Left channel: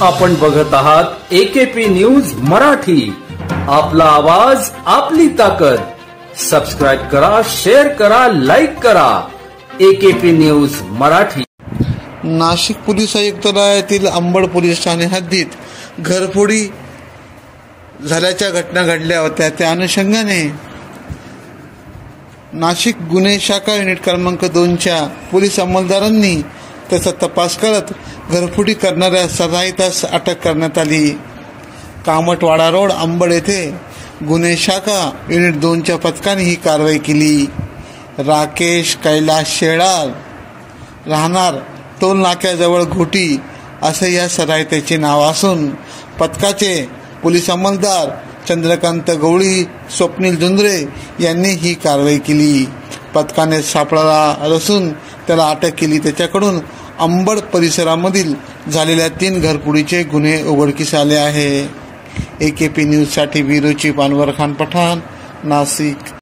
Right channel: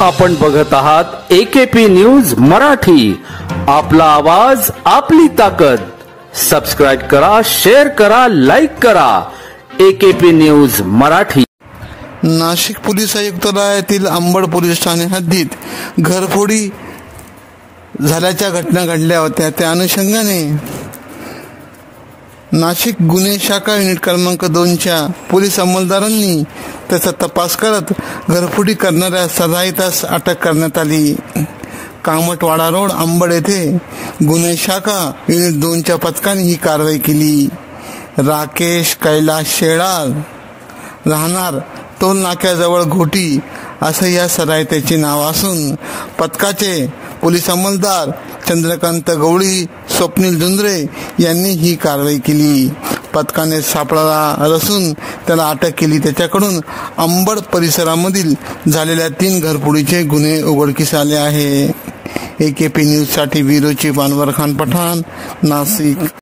आपण बघत आहात AKP न्यूज मराठी, आपला आवाज आपली ताकद। सबस्क्राइब करा, शेअर करा, लाईक करा। AKP news Marathi. Nashik police आयुक्तालयातील अंबड पोलीस ठाणे हद्दीत घरफोडी झाल्याच्या घटना घडल्या होत्या। त्या अनुषंगाने नाशिक गुन्हे शाखा युनिट क्रमांक 2च्या पोलीस अंमलदारांनी त्याचा तपास करत घरफोडी करणाऱ्या सराईतास अटक करण्यात आली। कामतवाडा रोड अंबड येथे गुन्हे शाखा युनिट 2च्या पथकाने ही कारवाई केली। राकेश कैलास शेळार, राहणार टोल नाक्याजवळ घोटी असं या सराईताचे नाव असून पथकाचे पोलीस अंमलदार चंद्रकांत गवळी, स्वप्नील जुंद्रे यांनी ही कारवाई केली। पथकाने सापळा रचून त्याला अटक केली। त्याच्याकडून अंबड परिसरामधील झालेल्या 3 घरफोडीचे गुन्हे उघडकीस आले आहे। AKP न्यूज साठी ब्युरो चीफ अनवर खान पठाण, नाशिक।